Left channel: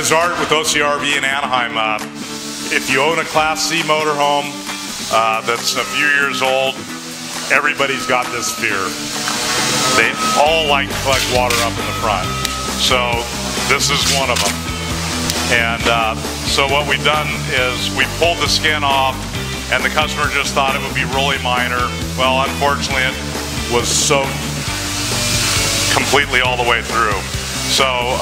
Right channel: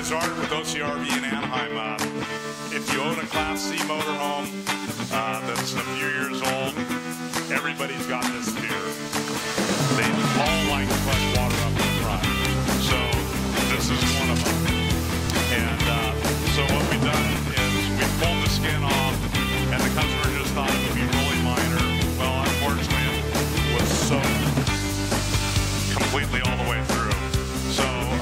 is Art with OCRV in Anaheim. If you own a Class C motorhome that's a few years old, everybody's got this fear. They all like to collect water up in the front. So this is one of them. And so what we've done is we pulled the skin off, and the customer just thought it would be really minor. Well, unfortunately, it was soaked completely all the way through. So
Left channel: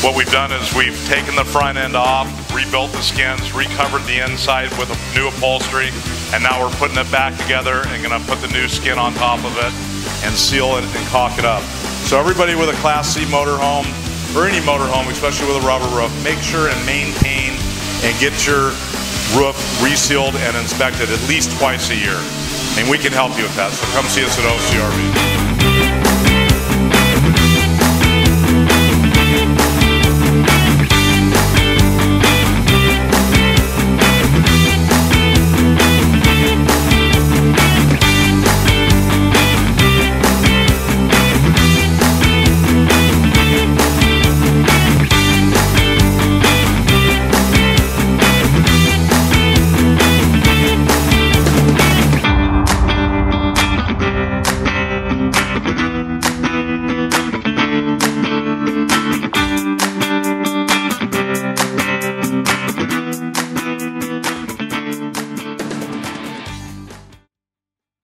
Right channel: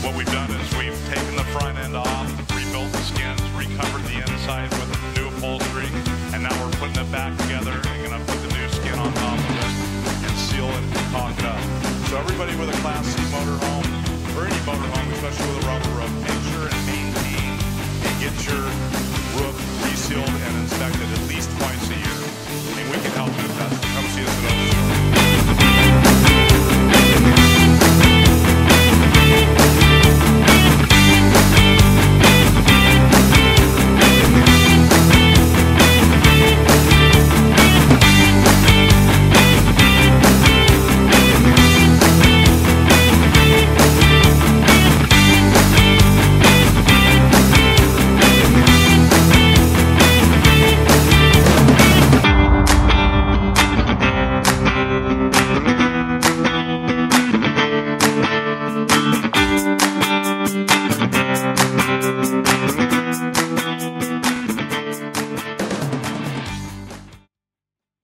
what we've done is we've taken the front end off, rebuilt the skins, recovered the inside with a new upholstery, and now we're putting it back together and gonna put the new skin on top of it and seal it and caulk it up. So everybody with a Class C motorhome, or any motorhome, especially with a rubber roof, make sure and maintain and get your roof resealed and inspected at least twice a year. And we can help you with that, so come see us at OCRV.